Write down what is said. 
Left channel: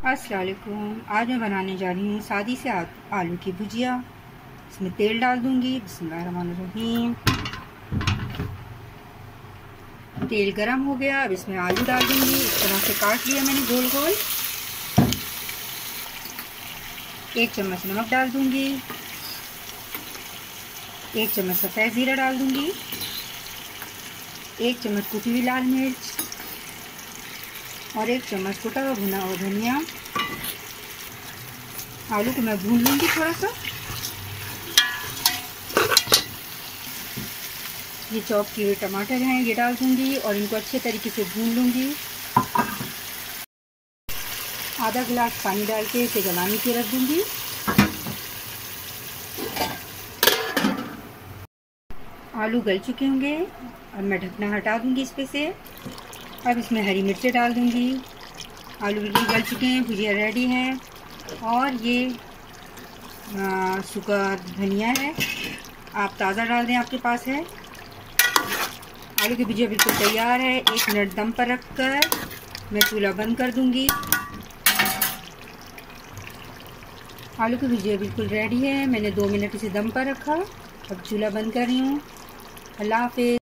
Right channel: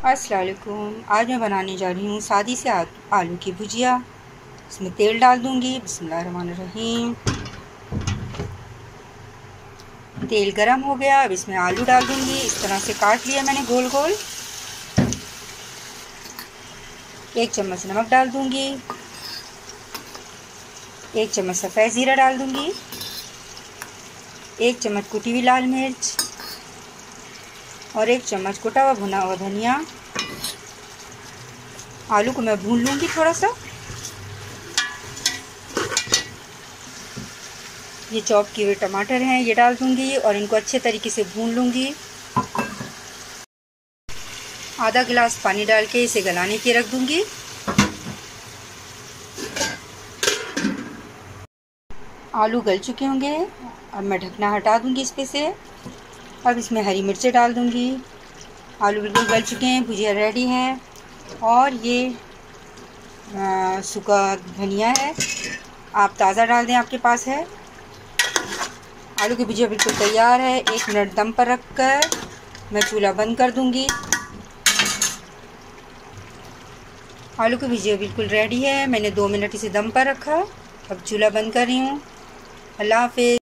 अस्सलाम वालेकुम। आज मैं बनाने जा रही हूँ सादी से आलू की भुजिया। इसमें तेल डाल दूँगी। बिस्मिल्लाहिर्रहमानिर्रहीम। तेल गरम हो गया, अब इसमें आलू डाल दूँगी। इस तरह से काट लिया मैंने गोल गोल। 1 चम्मच नमक डाल दूँगी। 1 चम्मच सफ़ेद ज़ीरा डाल दूँगी। 1 चम्मच कुटी हुई लाल मिर्च और 1 चम्मच कुटा हुआ भुना हुआ धनिया। आलू को मैं भून लूँगी थोड़ा सा। ये चॉप किए हुए टमाटर हैं, ये डाल दूँगी और इनको अच्छे तरीके से भून लूँगी। आधा गिलास पानी डाल के इसे गलाने के रख दूँगी। आलू गल चुके होंगे, अब मैं ढकना हटा दूँगी इस पे से। अब इसमें हरी मिर्चें डाल दूँगी। आलू बिल्कुल गल चुके हैं, भुजिया रेडी है। और ये सूखा धनिया है, आप ताज़ा डाल दें, आपके पास है। आलू की भुजिया बिल्कुल तैयार है। 1 मिनट दम पर रखकर मैं चूल्हा बंद कर दूंगी। आलू की भुजिया बिल्कुल रेडी है। मैंने 2 मिनट इसे दम पर रखा। अब चूल्हा बंद कर रही हूँ। अल्लाह हाफ़िज़।